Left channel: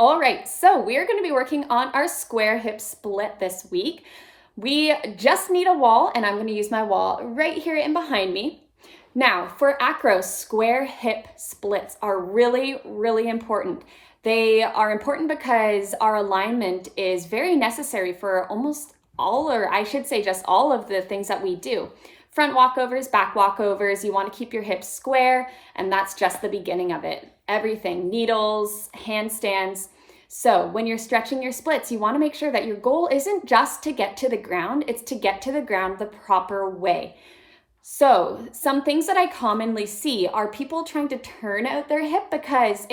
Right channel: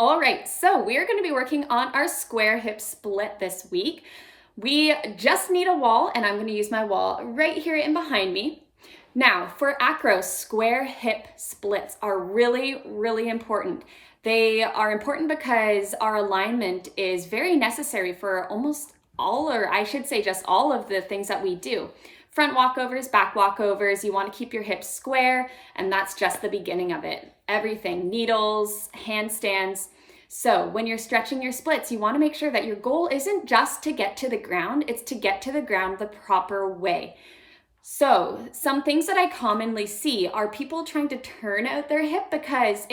All right, so we're going to be working on our square hip split this week. We just need a wall, and I'm going to use my wall right here in behind me. Now, for acro, square hip splits are really, really important. They are important because our alignment is very necessary for almost all, or I should say just all of the things that we do. Front walkovers, back walkovers, you want to keep your hips square, and that's just the beginning of it. Everything, needles, handstands. So when you're stretching your splits, you want to make sure that your goal isn't just to get to the ground, it's to get to the ground the proper way. So some things that I commonly see are people trying to turn out their hip because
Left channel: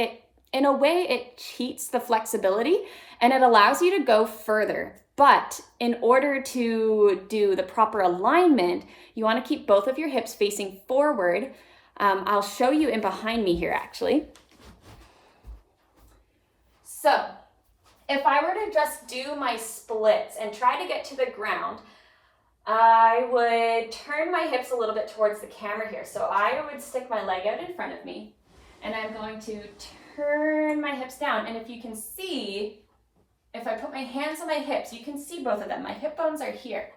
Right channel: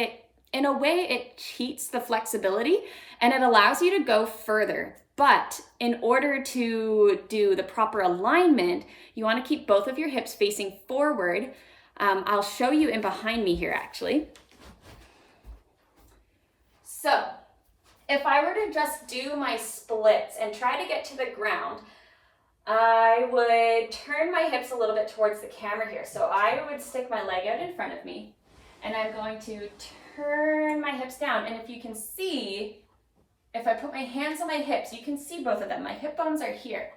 in a way, it cheats the flexibility and it allows you to go further. But in order to do the proper alignment, you want to keep both of your hips facing forward. I'll show you in behind me here, actually. So if I were to just do my splits and try to get to the ground, I would turn my hips a little bit towards the camera here. So I would stick my leg out in front of me, and I'm going to turn my hips down. And if you can see, if I put my hands on my hips, you can see both of them. My hip bones are here.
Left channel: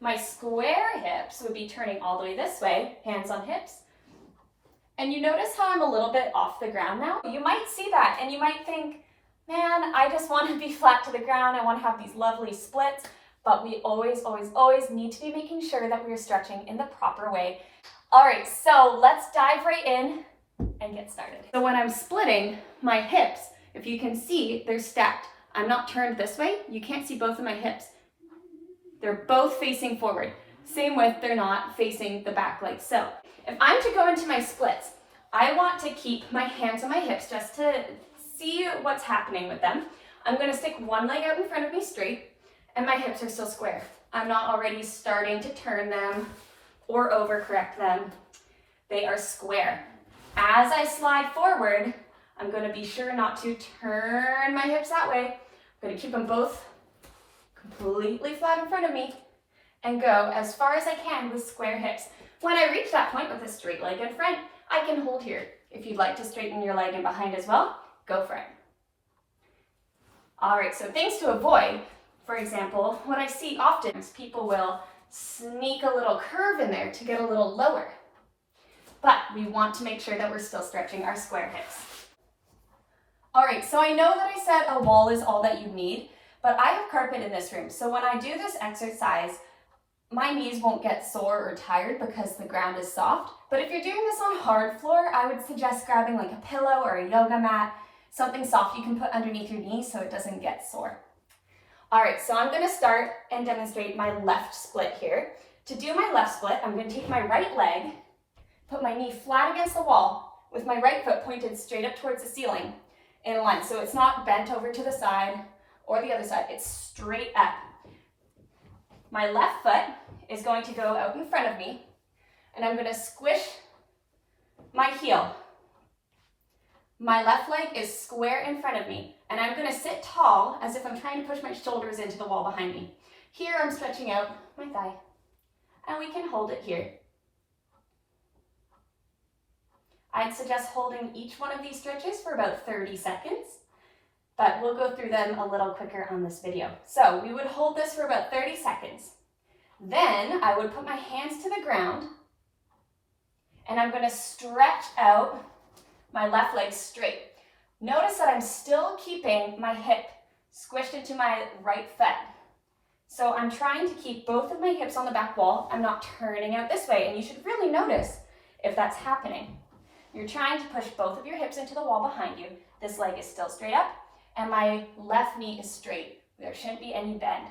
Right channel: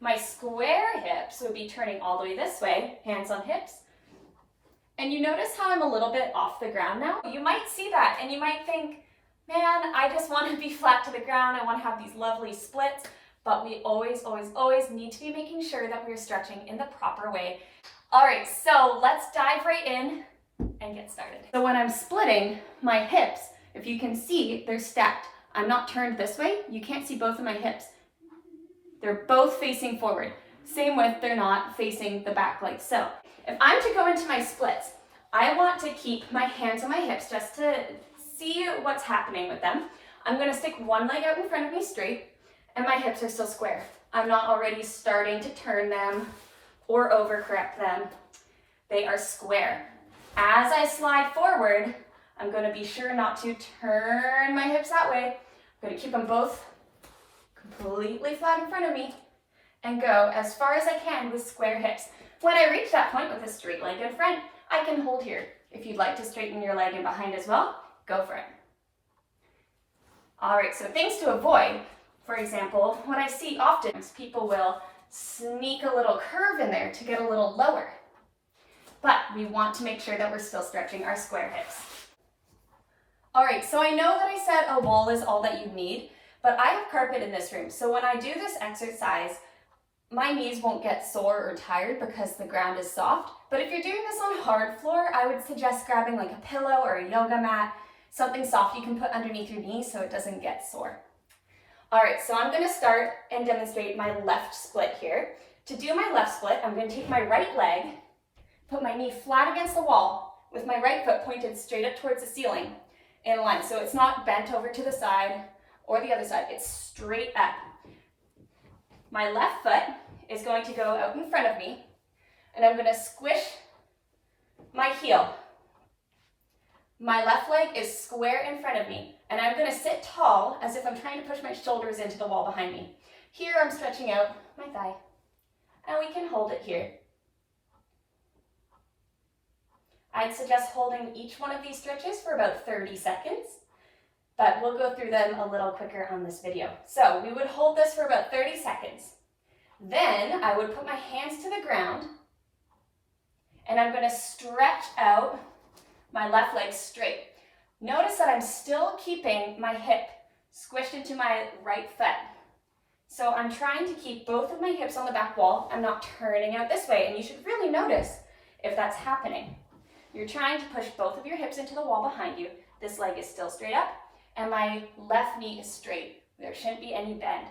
My square hips would be turning all the way this way, hands on hips. And you notice how I'm a little bit off the ground now? You might see that and you might think, man, I just want to be flat to the ground. I want to have these lovely splits. But we always, always, always need to be making sure that we're stretching in the proper way. All right, so let's dive right in and get started. So when I'm splitting my hips, if you can see, they're stacked. I'm not turned this way. You can't see both of my hips. They're both facing forward. Same with they're not facing the back like so. If I'm to go into my splits, I want to keep my hands on my hips just to see what's happening with them. I'm going to stick one leg out in front of me straight, and my hips are still square. I'm not already starting to turn them or overcorrect them. They are square. As I slide forward, I'm going to be sure not to turn my hips that way. I'm going to keep them both completely flat in front of me and go as far as I can with square hips. When I reach that point with a straight leg in front, I can hold here. If you'd like to straighten your leg in behind as well, go for it. All right, so things to avoid. For example, what I see often is people will sneak a little curve in there to get a little lower. But we want to make sure that we're still stretching our square hips. All right, so I know that I said a wall is all that you need, but I have carpet in this room. So when I do this exercise, my knees won't get sore or tired because the ground is soft. But if you're doing this on hard floor, I would suggest grabbing like a pillow or a yoga mat, something soft you can put underneath your knees so it doesn't get sore. All right, so I'm gonna start and demonstrate my left split here. To do my left split, I'm gonna take my right leg, put my knee flat against the wall with my right foot pointed straight up towards the ceiling in a line. So it's not bent over to the side or the other side, it's straight up. My left foot is going to go out in front of me, and I'm gonna squish my heel. My left leg is square in front of me, and I'm gonna sit tall as if I'm trying to push my shoulders into the wall behind me. Here I'm stretching out my thigh, and we can hold it here. I'd suggest holding each one of these stretches for about 30 seconds, but we'll go through them a little quicker on this video. So we would hold this for about 30 seconds. Then I would put my hands to the ground, and I'm gonna stretch out my left leg straight. Notice that I'm still keeping my hip squished into my right foot. So I'm trying to keep both of my hips on the back wall. I'm not turning out this way, and you should really notice if that's happening. You're trying to push both of your hips into the wall behind you. This leg is still straight up, and my left knee is straight. There shouldn't be any bend.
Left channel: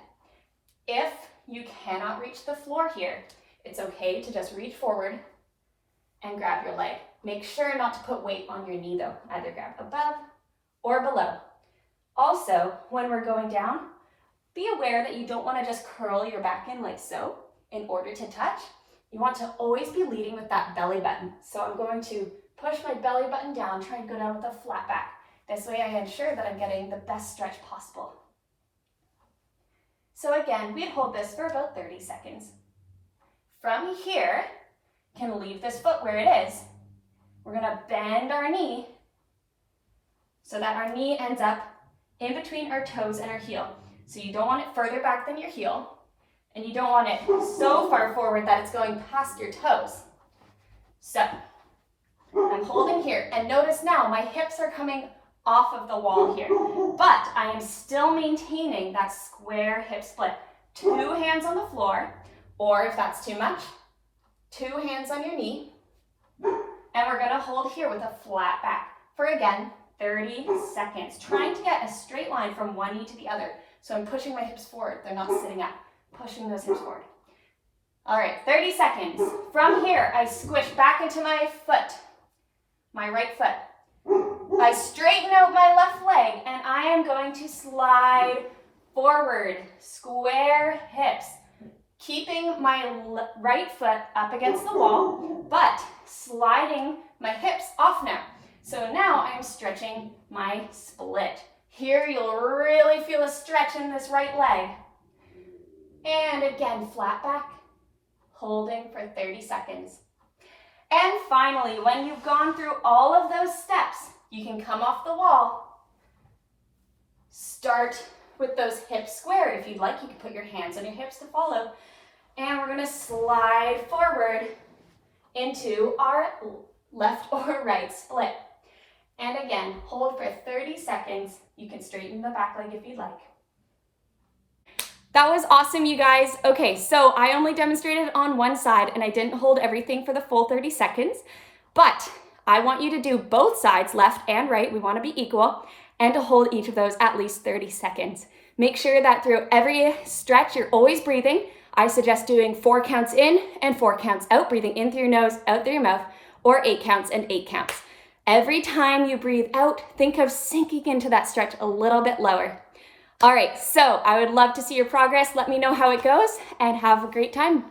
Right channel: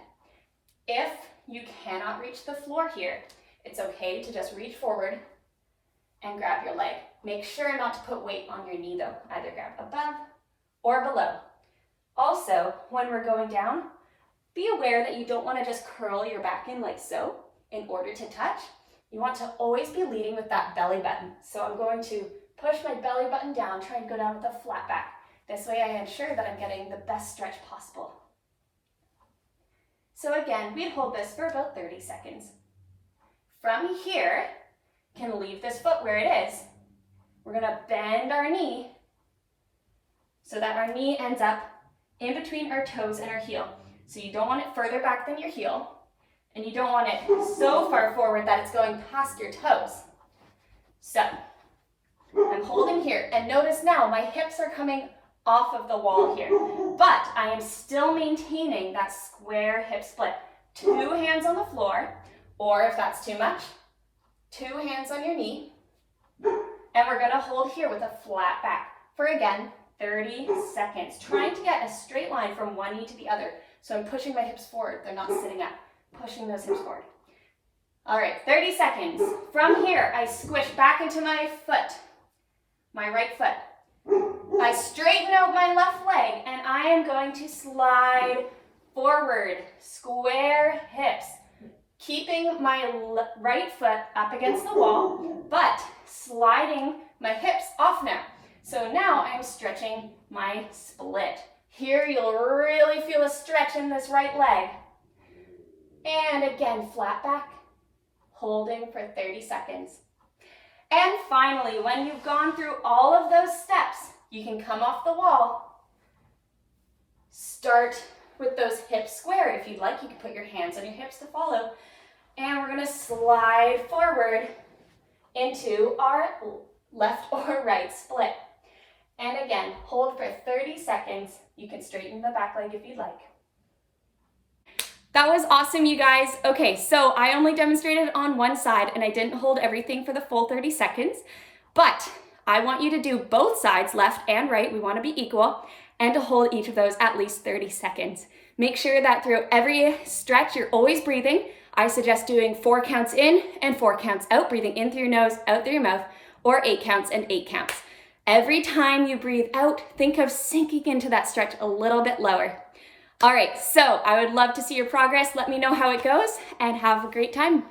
If you cannot reach the floor here, it's okay to just reach forward and grab your leg. Make sure not to put weight on your knee though. Either grab above or below. Also, when we're going down, be aware that you don't want to just curl your back in like so in order to touch. You want to always be leading with that belly button. So I'm going to push my belly button down, try and go down with a flat back. This way I ensure that I'm getting the best stretch possible. So again, we'd hold this for about 30 seconds. From here, can leave this foot where it is. We're gonna bend our knee so that our knee ends up in between our toes and our heel. So you don't want it further back than your heel, and you don't want it so far forward that it's going past your toes. So I'm holding here, and notice now my hips are coming off of the wall here, but I am still maintaining that square hip split. 2 hands on the floor, or if that's too much, 2 hands on your knee, and we're gonna hold here with a flat back for, again, 30 seconds, trying to get a straight line from one knee to the other. So I'm pushing my hips forward, they're not sitting up, pushing those hips forward. All right, 30 seconds. From here, I squish back into my foot, my right foot. I straighten out my left leg, and I am going to slide forward, square hips, keeping my right foot up against the wall, but sliding my hips off now. So now I'm stretching my split. Here you'll really feel a stretch in this right leg. And again, flat back, holding for 30 seconds. And finally, when you've gone through all of those steps, you can come off the wall. Start with those hips square. If you'd like, you can put your hands on your hips to follow. And we're gonna slide forward into our left or right split. And again, hold for 30 seconds. You can straighten the back leg if you'd like. That was awesome, you guys. Okay, so I only demonstrated on one side and I didn't hold everything for the full 30 seconds, but I want you to do both sides, left and right. We want to be equal, and to hold each of those at least 30 seconds. Make sure that through every stretch, you're always breathing. I suggest doing 4 counts in and 4 counts out, breathing in through your nose, out through your mouth, or 8 counts and 8 counts. Every time you breathe out, think of sinking into that stretch a little bit lower. All right, so I would love to see your progress. Let me know how it goes, and have a great time.